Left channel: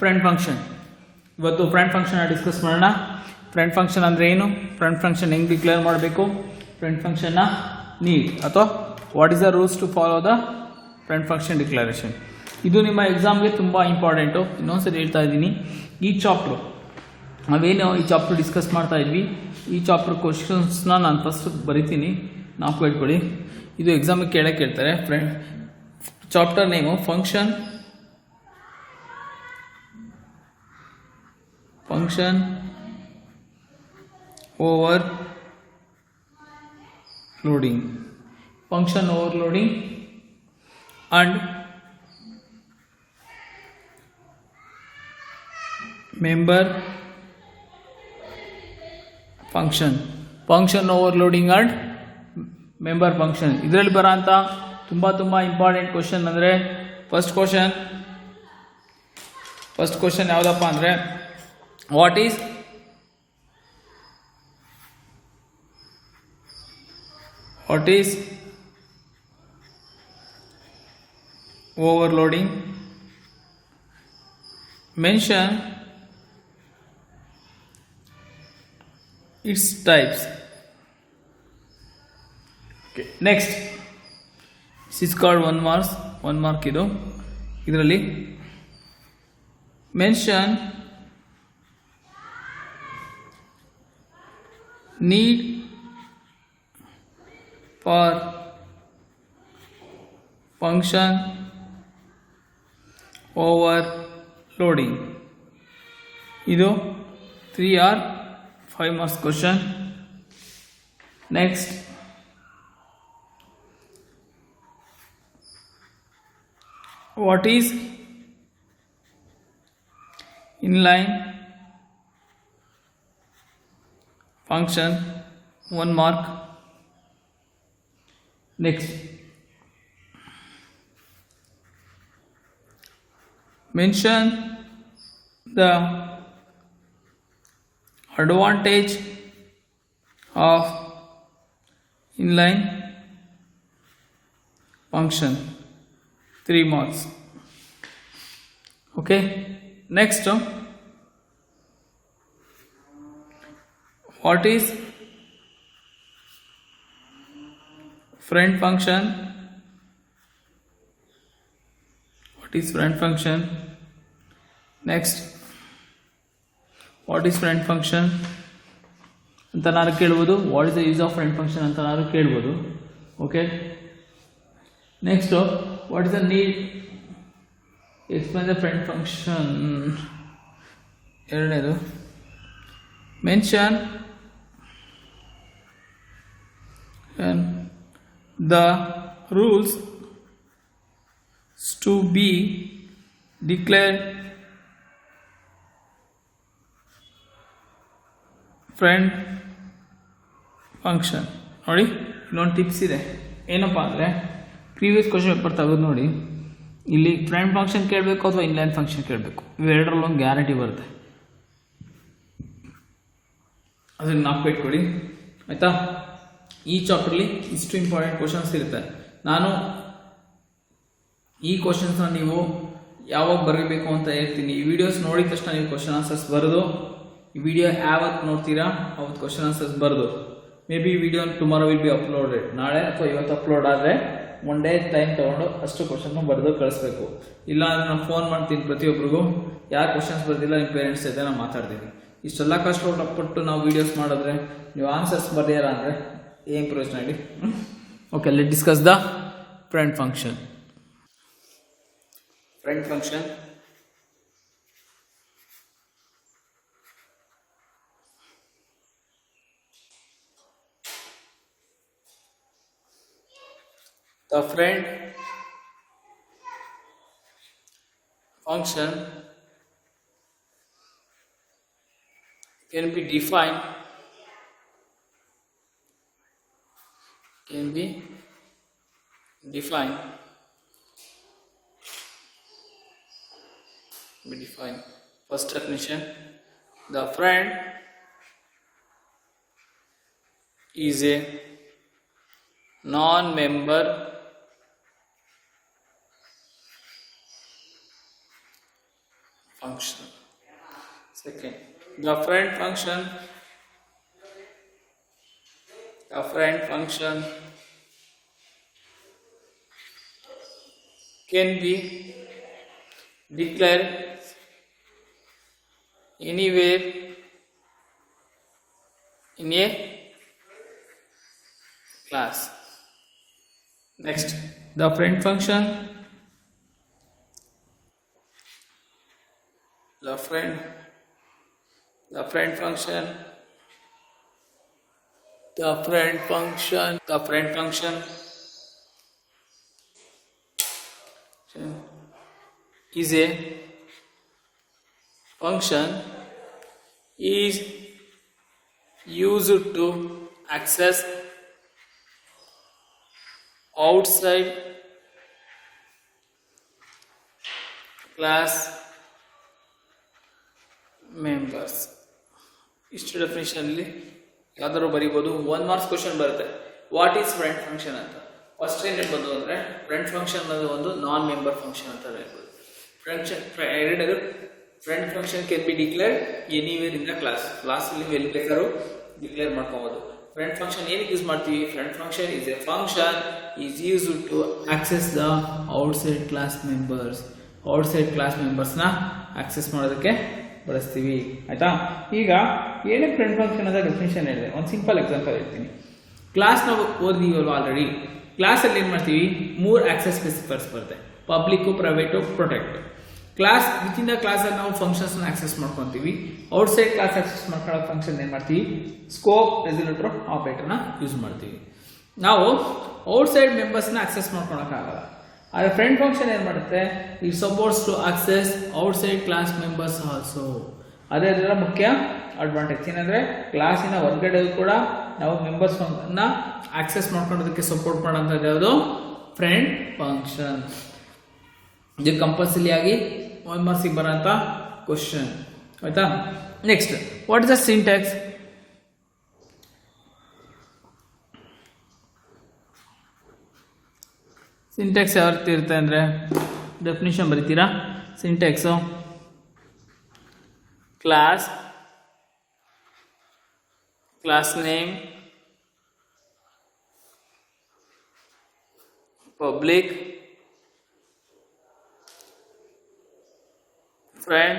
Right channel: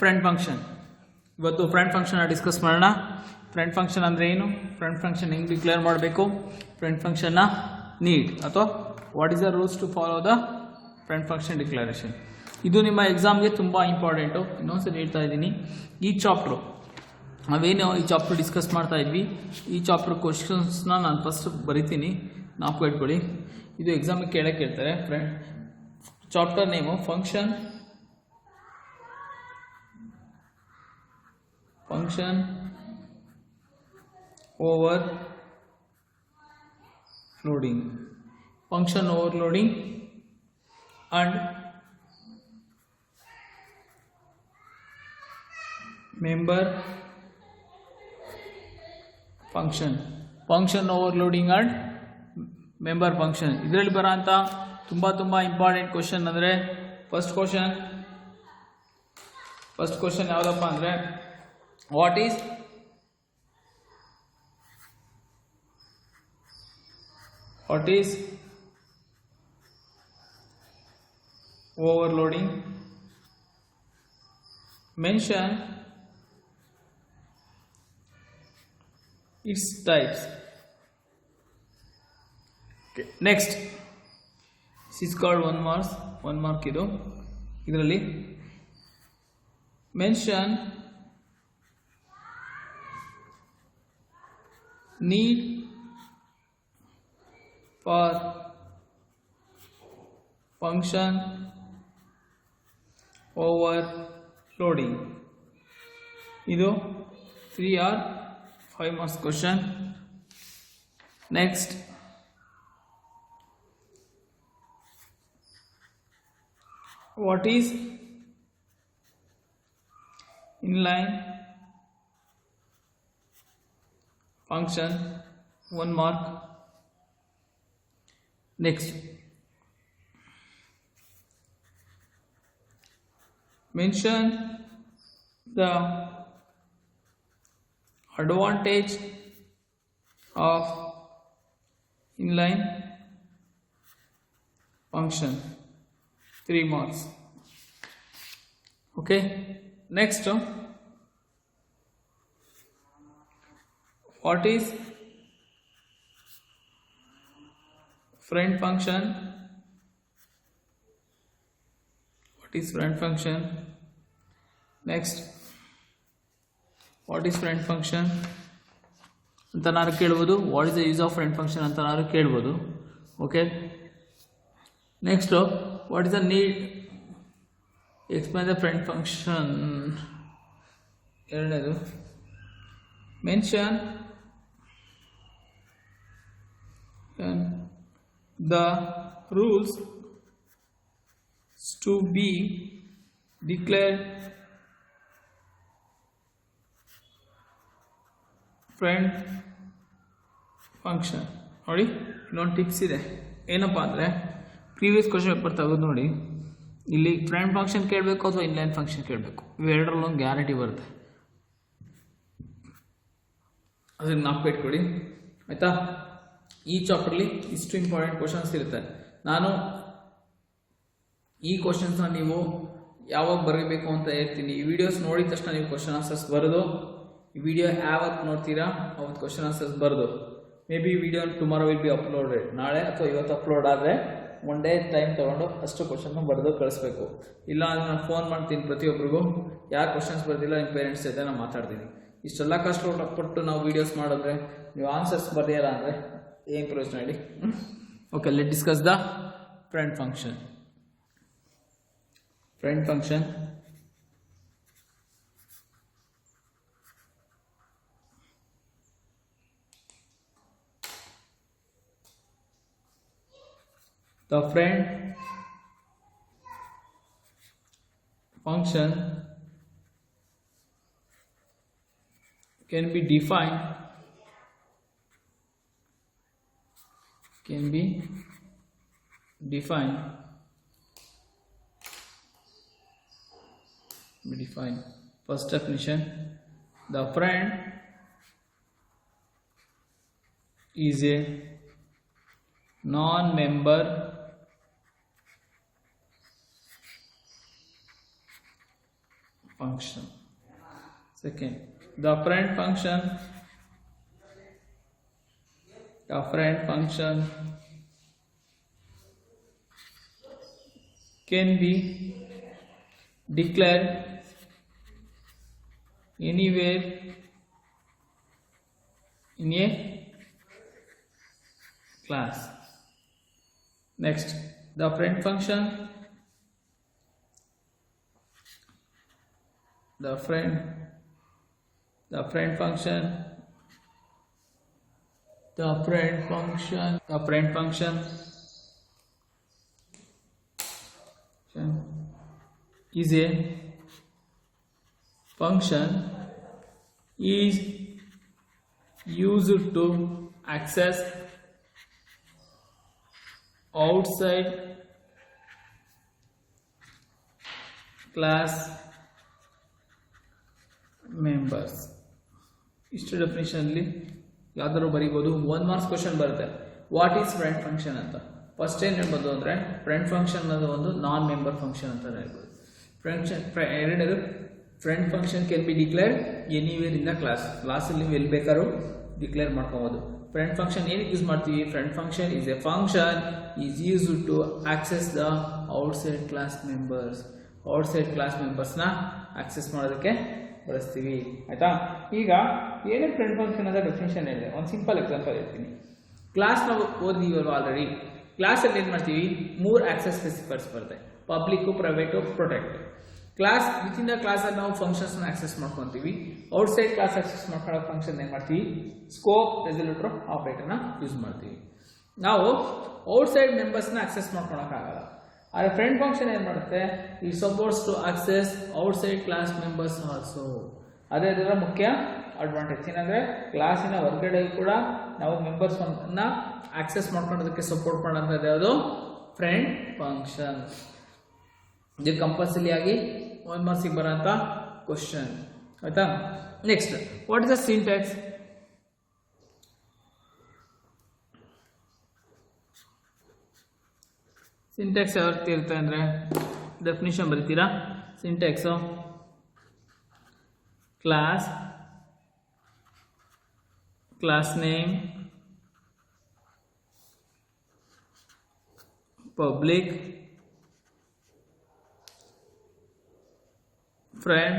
Friend function. ಇವತ್ತು friend function discuss ಮಾಡೋಣ. Friend function ಅಂದರೆ ಏನು, ಫ್ರೆಂಡ್ ಫಂಕ್ಷನ್ ಹೆಂಗೆ ಡಿಕ್ಲೇರ್ ಮಾಡಬೇಕು, ಫ್ರೆಂಡ್ ಫಂಕ್ಷನ್ನ ನೀಡ್ ಅಥವಾ what is the rules to follow the friend function declaration. ಇದು ನಿಮ್ಮ ಎಕ್ಸಾಮ್ಗೆ ತುಂಬ ಇಂಪಾರ್ಟೆಂಟು. ಇನ್ನೊಂದ್ಸರಿ ಹೇಳ್ತಾ ಇದ್ದೀನಿ, ಈ ಚಾಪ್ಟ್ರು ನಾವೇನು ಈ ಚಾಪ್ಟರ್ ಡಿಸ್ಕಸ್ ಮಾಡ್ತಾ ಇದ್ವಿ, ಈ ಚಾಪ್ಟರ್ ಕ್ವಶನ್ಸ್ನ ನಾನು ಫಸ್ಟ್ ಬರಿತೀನಿ, ನಾವು ಕೇಳ್ಕೊಳ್ಳಿ. ಇದು ಎಕ್ಸಾಮಿಗೆ ಕೇಳ್ತಾರೆ. Friend chapter name function overloading and member function overloading and member function. ಇದರಲ್ಲಿ ಬರೋಂಥ ತುಂಬ ಇಂಪಾರ್ಟೆಂಟ್ ಕ್ವಶನ್ ಅಂದರೆ ಫಸ್ಟ್ ಕ್ವಶನ್ ಯಾವುದಪ್ಪ ಅಂದರೆ what is overloading, mention its types. Okay, next this is called one mark ಇದು. ಇದರಲ್ಲಿ mention need for function overloading. ಇದು 3 or 5 marks question. Next, what is inline function, 1 mark. Next, mention the advantage of inline function, 3 marks. Okay, next, what is friend function? Next, what is friend function ಅಂತ ನಾನು ಕೇಳ್ಬೋದು. What is the use of friend function ಅಂತ ನಾನು ಕೇಳ್ಬೋದು. Okay, next what is the need, explain the friend function. ಎರಡನೇದು mention the rules to be declared friend function. ನೋಡಿ, ಇಲ್ಲೊಂದು ಟಿಪ್ಸ್ ಇದೆ. ಏನಪ್ಪ ಅಂದರೆ ಪ್ರೀವಿಯಸ್ ಕ್ವಶನ್ ಪೇಪರ್ ತೆಗೆದು ನೋಡಿ, ಇಲ್ಲಿ ಫ್ರೆಂಡ್ ಫಂಕ್ಷನ್ ಕೇಳಬೇಕು ಅಥವಾ ಇನ್ಲೈನ್ ಫಂಕ್ಷನ್ ಕೇಳಬೇಕು, ಇವೆರಡರಲ್ಲೊಂದು ಗ್ಯಾರಂಟಿ ಬರುತ್ತೆ. ಅದನ್ನು ನಾಪ್ಪಿಟ್ಕೊಳ್ಳಿ, ಆಯಿತಾ. ಈ ಚಾಪ್ಟ್ರಲ್ಲಿ ಇಷ್ಟು ಇಂಪಾರ್ಟೆಂಟ್ ಕ್ವಶನ್ಸ್ ಇರುತ್ತೆ. ನಾನು ಈ ಕ್ವಶನ್ಸ್ನ ನೀವು ಯಾವಾಗ ಬರೀಬೇಕು ಅಂತ ಹೇಳ್ತೀನಿ. ಈ ವಿಡಿಯೋಸ್ ನೋಡಿದ ತಕ್ಷಣ ನೀವು ಕ್ವಶನ್ ಆನ್ಸರ್ಸ್ ಬರೆದು, ಈ ವಿಡಿಯೋ ಯಾವತ್ತು ನೋಡ್ತೀರಾ ಅವತ್ತು ಕ್ವಶನ್ ಆನ್ಸರ್ಸ್ ಬರೆದು, may be video tomorrow will be uploaded, ನಾಳೆ ಅಥವಾ ಇವತ್ತು ಅಪ್ಲೋಡ್ ಆದರೆ 1 day ಟೈಮ್ ತೊಗೊಂಡು ಅಷ್ಟು ಕ್ವಶನ್ನು ಬರೆದು ಕಳಿಸ್ಬೇಕು. ಇಲ್ಲ ಅಂದರೆ ನಾನು ಫೋನ್ ಮಾಡ್ತೀನಿ ಪ್ರತಿಯೊಬ್ಬರಿಗೂ, ಯಾರು ಕ್ವಶನ್ಸ್ ಬರೆದಿಲ್ಲ ನಿಮ್ಮ ಪೇರೆಂಟ್ಸ್ ಜೊತೆ ನಾನು ಮಾತಾಡ್ತೀನಿ. ಇಷ್ಟೆಲ್ಲ ಕಷ್ಟಪಟ್ಟು ನಾವು ವೀಡಿಯೋಸ್ ಮಾಡಿದ್ರೆ ನೀವು ಆನ್ಸರ್ಸ್ ಬರೆಯಲ್ಲ ಅಂದರೆ ಏನು ಪ್ರಯೋಜನ ಹೇಳಿ. Okay, let discuss the friend function. Friend function, the friend function can be defined First definition, the friend is a non-member function. Second, the friend function can be declared anywhere in a class. Next, the friend function is a function is used to access outside class members. ಇಷ್ಟು ಡೆಫಿನೇಷನಲ್ಲಿ ಯಾವ್ದಾದ್ರು ಬರೀಬೋದು. 1 marks question ಬರುತ್ತೆ. What is friend function ಅಂತ. ಫಸ್ಟ್ ಏನು ಹೇಳ್ಬೋದು ಅಂದರೆ friend function ಅನ್ನೋದು ಒಂದು ನಾನ್ ಮೆಂಬರ್ ಫಂಕ್ಷನ್ ಅಂತ ಹೇಳ್ಬೋದು. ಎರಡನೇದು friend function can be declared anywhere in the ಕ್ಲಾಸಲ್ಲಿ ನೀವು ಎಲ್ಲಿ ಬೇಕಾದ್ರೂ ಡಿಕ್ಲೇರ್ ಮಾಡ್ಕೋಬೋದು. ಫ್ರೆಂಡ್ ಫಂಕ್ಷನ್ ಏನಕ್ಕೆ ಯೂಸ್ ಮಾಡ್ತೀವಿ? Friend function is a function is used to access the outside class ಮೆಂಬರ್ಸ್ನ ಆಕ್ಸೆಸ್ ಮಾಡೋದಕ್ಕೆ ಬಳಸ್ತೀವಿ. ಆಯಿತಾ? ಈಗ ಏನೇ ಫ್ರೆಂಡ್ ಫಂಕ್ಷನ್ ಅಂತ ಡೆಫಿನೇಷನ್ ಹೇಳಿದೆ. ಒಂದು ಸಿಂಪಲ್ ಎಕ್ಸಾಂಪಲ್ ಹೇಳ್ತೀನಿ. ಕ್ಲಾಸ್ ನಾವು ಓದಿದೀವಲ್ವ ಆಲ್ರೆಡಿ. ಕ್ಲಾಸಲ್ಲಿ ಏನು ಮಾಡ್ತೀವಿ? 3 ಆಕ್ಸೆಸ್ ಸ್ಪೆಸಿಫೈರ್ಸ್ ಬರುತ್ತೆ. Public, private, protect. Class within the ಕ್ಲಾಸಲ್ಲಿ ನಾವು ಫಂಕ್ಷನ್ಸ್ನ ಆಕ್ಸೆಸ್ ಮಾಡ್ಕೊತೀವಿ. ಔಟ್ಸೈಡ್ ಕ್ಲಾಸ್ ಆಕ್ಸೆಸ್ ಮಾಡ್ಕೊಳ್ಳೋ ಫಂಕ್ಷನ್ ಏನು ಮಾಡ್ತೀವಿ? ಸ್ಕೋಪ್ ರೆಸಲ್ಯೂಟರ್ ಆಪರೇಟರ್ನ ಯೂಸ್ ಮಾಡ್ತೀವಿ. ನಾವು ಔಟ್ಸೈಡ್ ಮೆಂಬರ್ಸ್ನ ಆಕ್ಸೆಸ್ ಮಾಡ್ಕೊಳಕ್ಕಾಗಲ್ಲ. ಆದರೆ ಫ್ರೆಂಡ್ ಫಂಕ್ಷನ್ ಏನು ಮಾಡುತ್ತೆ? It supports to access outside class members also. ಅದೇ ಅದರ ಮುಖ್ಯ ಅಡ್ವಾಂಟೇಜ್ ಏನಂದರೆ ಕ್ಲಾಸಿನ ಹೊರಗಡೆ ಕೂಡ ನಾವು ಮೆಂಬರ್ಸ್ನ ಆಕ್ಸೆಸ್ ಮಾಡ್ಕೊಳ್ಳೋದಕ್ಕೆ ಸಪೋರ್ಟ್ ಮಾಡೋಂಥದ್ದು ಯಾವುದು? Friend function. ಇದು ಕಂಪಲ್ಸರಿ ಆಗಿ 1 ಮಾರ್ಕ್ಸಿಗೆ ಬರೋಂಥ ಕ್ವಶನ್. ಆಯಿತಾ? Next, what is the syntax? Syntax ಯಾವ ರೀತಿ ಇರುತ್ತೆ ಅಂದರೆ ಡೆಫಿನಿಷನ್ ಬರೀತೀರಾ? Syntax class name, public, friend,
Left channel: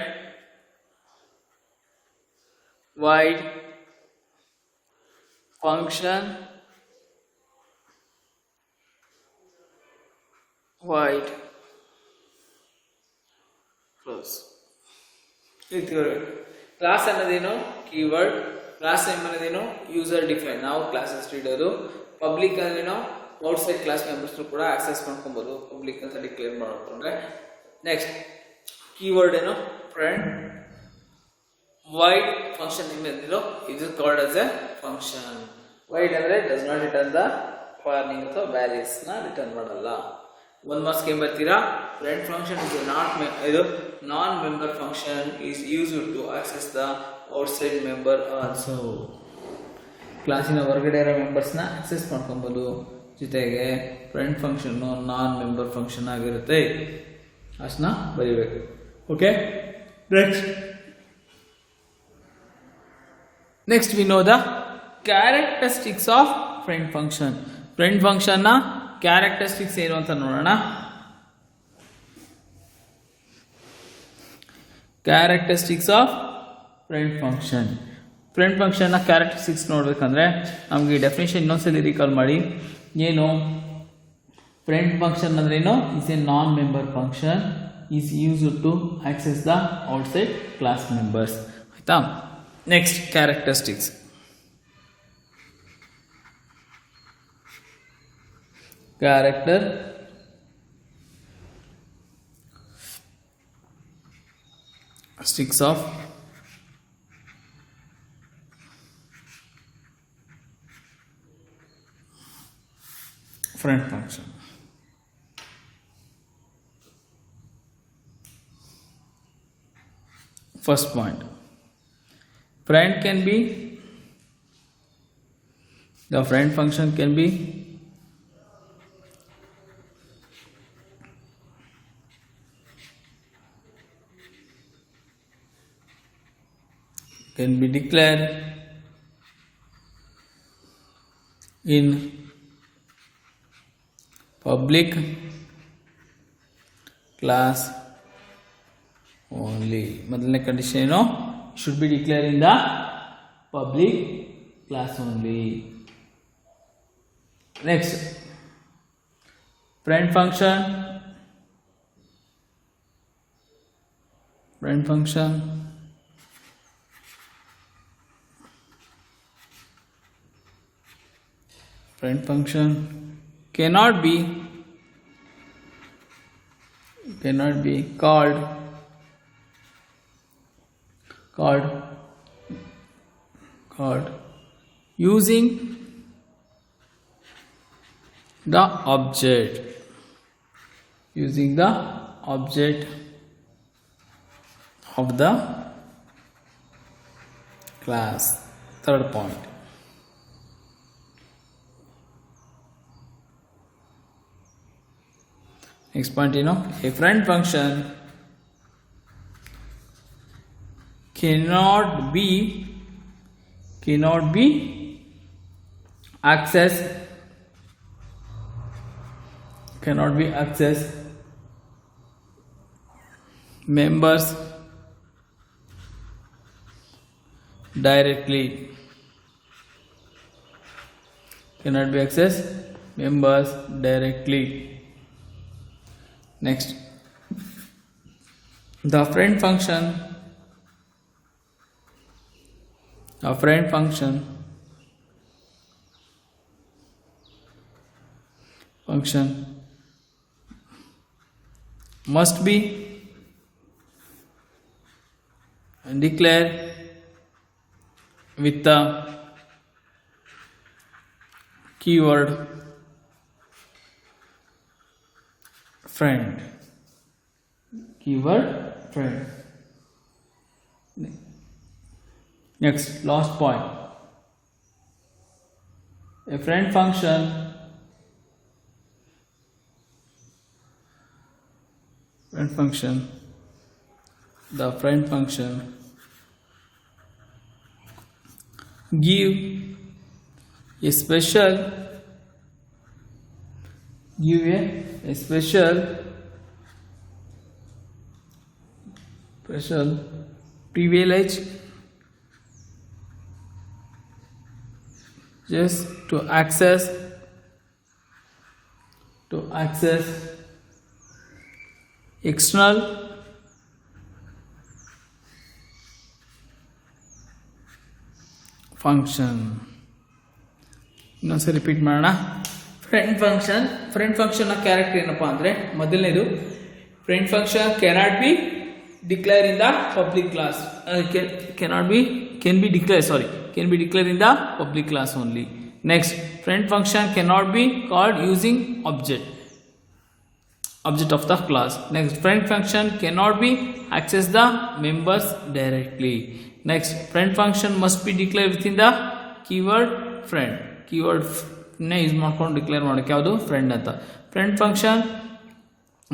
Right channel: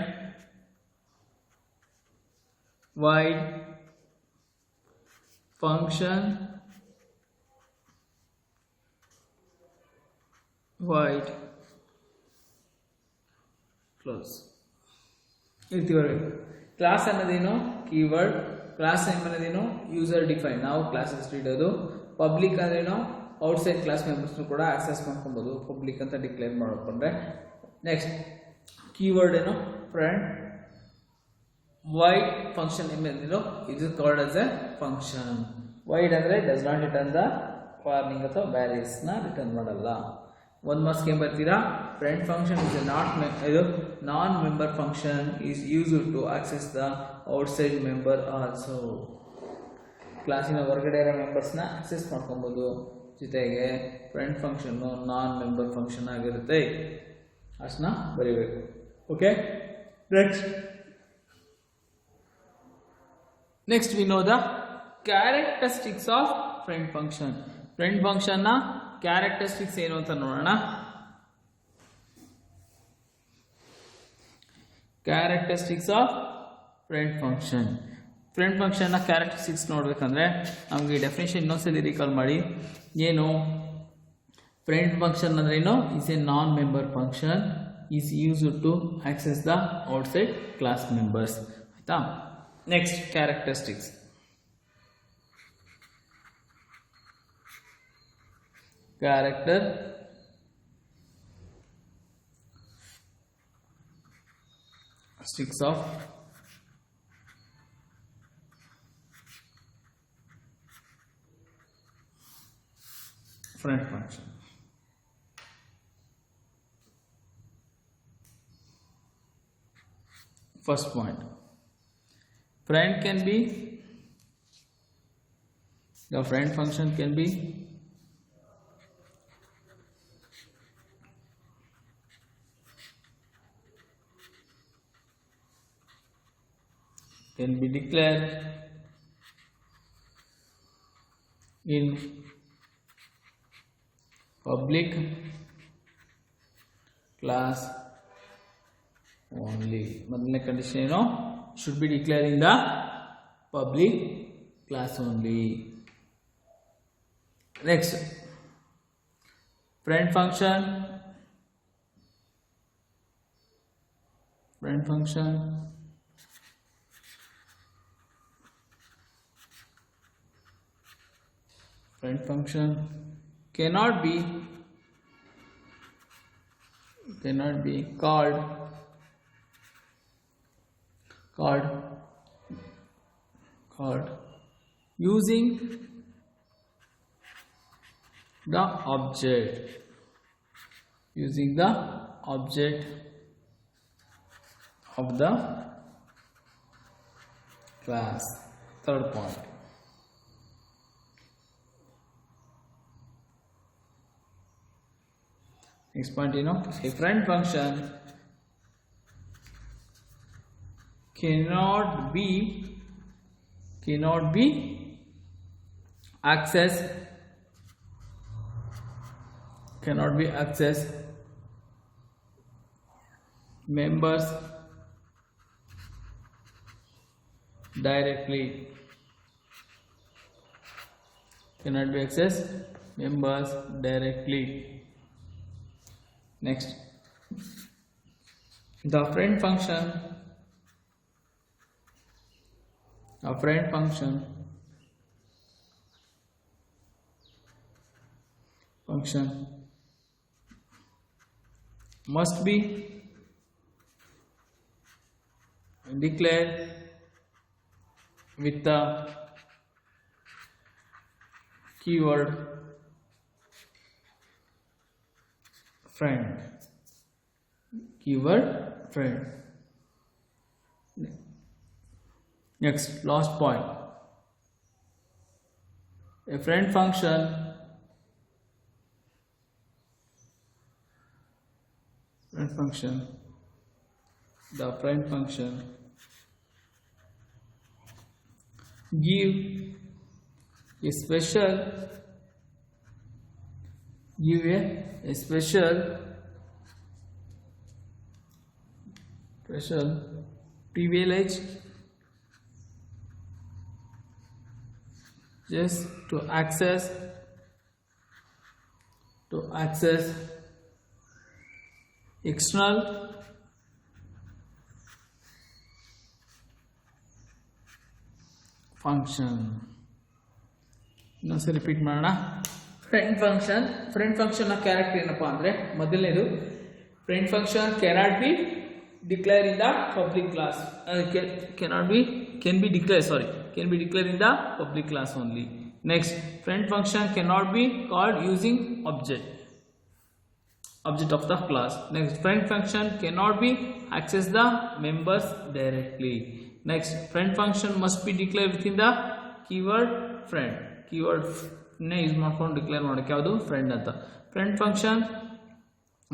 void, function, void, close. Class ಅನ್ನೋದೇನು? ಕೀವರ್ಡ್. ಕ್ಲಾಸ್ ನೇಮ್ ಅನ್ನೋದೇನು? User define. ನಾವು ಕ್ಲಾಸ್ ಹೆಸರು ಇಡೋದು. ಪಬ್ಲಿಕ್ ಅಂದ್ರೇನು? ಔಟ್ಸೈಡ್ ಕ್ಲಾಸ್ ಮೆಂಬರ್ಸ್ನು ಕೂಡ ಆಕ್ಸೆಸ್ ಮಾಡ್ಕೊಬೋದು ಪಬ್ಲಿಕ್ ಅಂತ ಡಿಕ್ಲೇರ್ ಮಾಡ್ಕೊಂಡ್ರೆ. ನೆಕ್ಸ್ಟ್, ಕೀವರ್ಡ್ ಏನು? ಫ್ರೆಂಡ್. ವೈಡ್ ಫಂಕ್ಷನ್ ಏನಿರೋ ಇದು called as a function. Void ಅಂದರೆ does not return the warning ಅಥವಾ ವ್ಯಾಲ್ಯೂಸ್ನ ರಿಟರ್ನ್ ಮಾಡಲ್ಲ. 1 ಮಾರ್ಕ್ಸ್ಗೆ ಏನು ಬರ್ತೀರಾ? ಫ್ರೆಂಡ್ ಫಂಕ್ಷನ್ ಇಸ್ ಇದು non member function is used to access the outside member also. ಕ್ಲಾಸಿನ ಹೊರಗಡೆ ಇರೋ ಮೆಂಬರ್ಸ್ನ ಆಕ್ಸೆಸ್ ಮಾಡ್ಕೊಬೋದು. ಜೊತೆಗೆ ಫ್ರೆಂಡ್ ಫಂಕ್ಷನ್ನು ನಾನ್ ಮೆಂಬರ್ ಫಂಕ್ಷನ್ ಆಗಿರುತ್ತೆ. ಅಷ್ಟನ್ನ ಬರೀಬೇಕು. Okay, next we know the characteristics of friend function. Friend ಫಂಕ್ಷನ್ನ ಕ್ಯಾರೆಕ್ಟರಿಸ್ಟಿಕ್ಸ್ ಏನು ಅಂತ ನೋಡೋಣ. Characteristics of friend function. Friend ಫಂಕ್ಷನ್ನ ಕ್ಯಾರೆಕ್ಟರಿಸ್ಟಿಕ್ಸ್ ನೋಡಬೇಕಂದ್ರೆ ನಮಗೆ ಡೆಫಿನೇಷನ್ ಇನ್ನೊಂದ್ಸಲಿ ರೀಕಾಲ್ ಮಾಡಿ. ಏನು? ಫ್ರೆಂಡ್ ಫಂಕ್ಷನ್ ಅಂದ್ರೇನು? Is a non member function is used to access the outside class members. ಆಯಿತಾ? Next, characteristics. Characteristics of friend function. First point, friend can be, the friend function can be can be declared in public class only. ಮೊದಲನೇ ಕಂಡೀಷನ್ ಏನು? should be declared in the public class only. Next, friend function. Friend function cannot be called using the object of the class. Third point. Next point, a friend function cannot be accessed members directly. Cannot be accessed members directly. Next, the friend function must be declared with the keyword friend. Next, last point. A friend function the friend function give a special privilege just to access external function. ಇನ್ನೊಂದ್ಸರಿ ರಿಪೀಟ್ ಮಾಡೋಣ. ಫ್ರೆಂಡ್ ಫಂಕ್ಷನ್ನ ಕ್ಯಾರೆಕ್ಟರ್ ಏನಪ್ಪ ಅಂದರೆ, ಮೊದಲನೇದು friend function cannot be declare in the public class, can be declared in the public class only. Next, friend function cannot be called using object of the class. Next, friend function cannot be access the members directly. Next, friend function must be declared within the keyword friend. Keyword ನೇ use ಮಾಡ್ಕೊಂಡು declare ಮಾಡೋಕ್ಕೆ ಯಾವುದು friend ಅಂತ. Friend function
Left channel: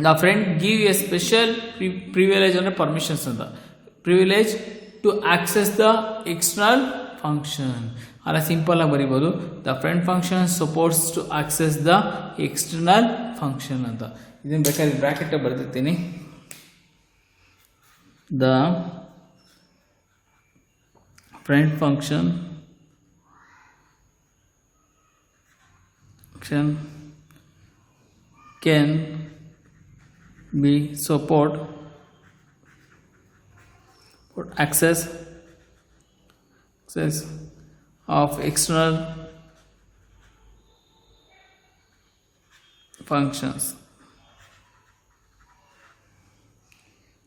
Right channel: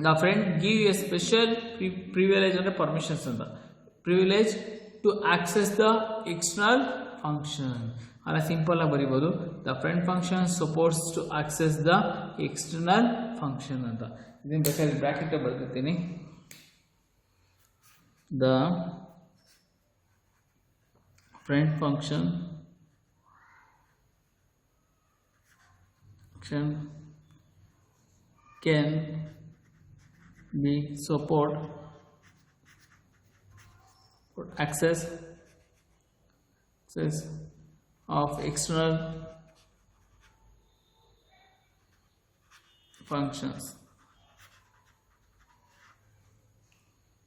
the friend give a special privilege ಅಂದರೆ permissions ಅಂತ, privilege to access the external function. ಅಲ್ಲ simple ಆಗಿ ಬರೀಬೋದು, the friend function supports to access the external function ಅಂತ. ಇದನ್ನು ಬೇಕಾದ್ರೆ ಬ್ರ್ಯಾಕೆಟ್ ಬರ್ತಿರ್ತೀನಿ. The friend function can be support for access of external functions.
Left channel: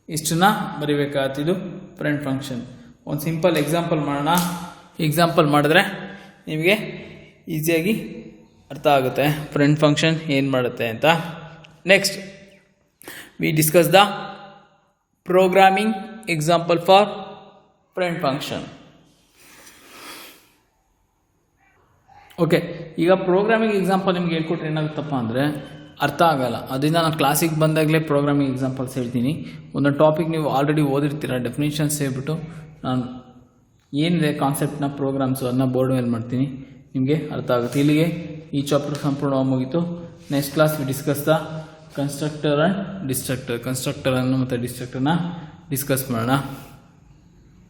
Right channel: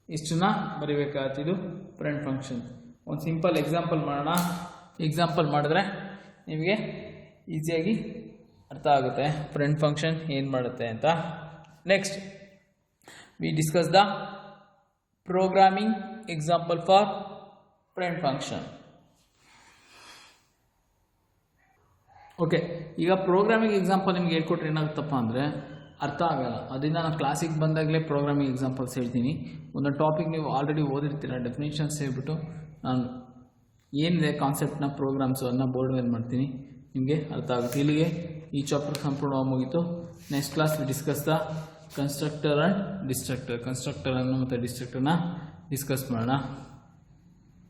ಇಷ್ಟನ್ನ ಬರಿಬೇಕಾಗ್ತಿದ್ದು ಫ್ರೆಂಡ್ ಫಂಕ್ಷನ್. ಒಂದು ಸಿಂಪಲ್ ಎಕ್ಸಾಂಪಲ್ ಮಾಡೋಣ. ಎಕ್ಸಾಂಪಲ್ ಮಾಡಿದ್ರೆ ನಿಮಗೆ ಈಸಿಯಾಗಿ ಅರ್ಥ ಆಗುತ್ತೆ ಫ್ರೆಂಡ್ ಫಂಕ್ಷನ್ ಏನು ಮಾಡುತ್ತೆ ಅಂತ. Next we discuss the programming example for friend function. Okay, ಈಗ ಪ್ರೋಗ್ರಾಮಿಂಗ್ ಎಕ್ಸಾಂಪಲ್ ನಿಮ್ಗೆ ಹೇಳ್ಕೊಟ್ರೆ ಏನಾಗುತ್ತಪ್ಪ ಅಂದರೆ ಅರ್ಥ ಆಗಲ್ಲ. ಅದರಿಂದ ನಾನು ಕ್ಲಾಸಿಗೆ ಬಂದಾಗಲೇ ಪ್ರೋಗ್ರಾಮಿಂಗ್ ಎಕ್ಸಾಂಪಲ್ಸ್ ಹೇಳ್ತೀನಿ. ಒಂದೊಂದು ಟಾಪಿಕ್ ನೀವು ಆಲ್ರೆಡಿ ಓದಿರ್ತೀರ, ಡೆಫಿನೇಷನ್ಸ್ ಹೇಳ್ಬಿಟ್ಟು ನಾನು ಏನಿದೆ ಕಾನ್ಸೆಪ್ಟ್ನ ಪ್ರೋಗ್ರಾಮ್ಸು ಅದನ್ನ ಬೋರ್ಡ್ ಮೇಲೆ ಮಾಡ್ತೀನಿ, ನಿಮಗೆ ಅರ್ಥ ಆಗುತ್ತೆ. ಇಲ್ಲಿಗೆ ಈ ಚಾಪ್ಟರ್ ಸಂಪೂರ್ಣವಾಗಿ ಮುಗೀತು. Next class discuss the constructor and destructor, ಕನ್ಸ್ಟ್ರಕ್ಟರನ್ನು ಮತ್ತು ಡಿಸ್ಟ್ರಕ್ಟರ್ನ ಡಿಸ್ಕಸ್ ಮಾಡೋಣ.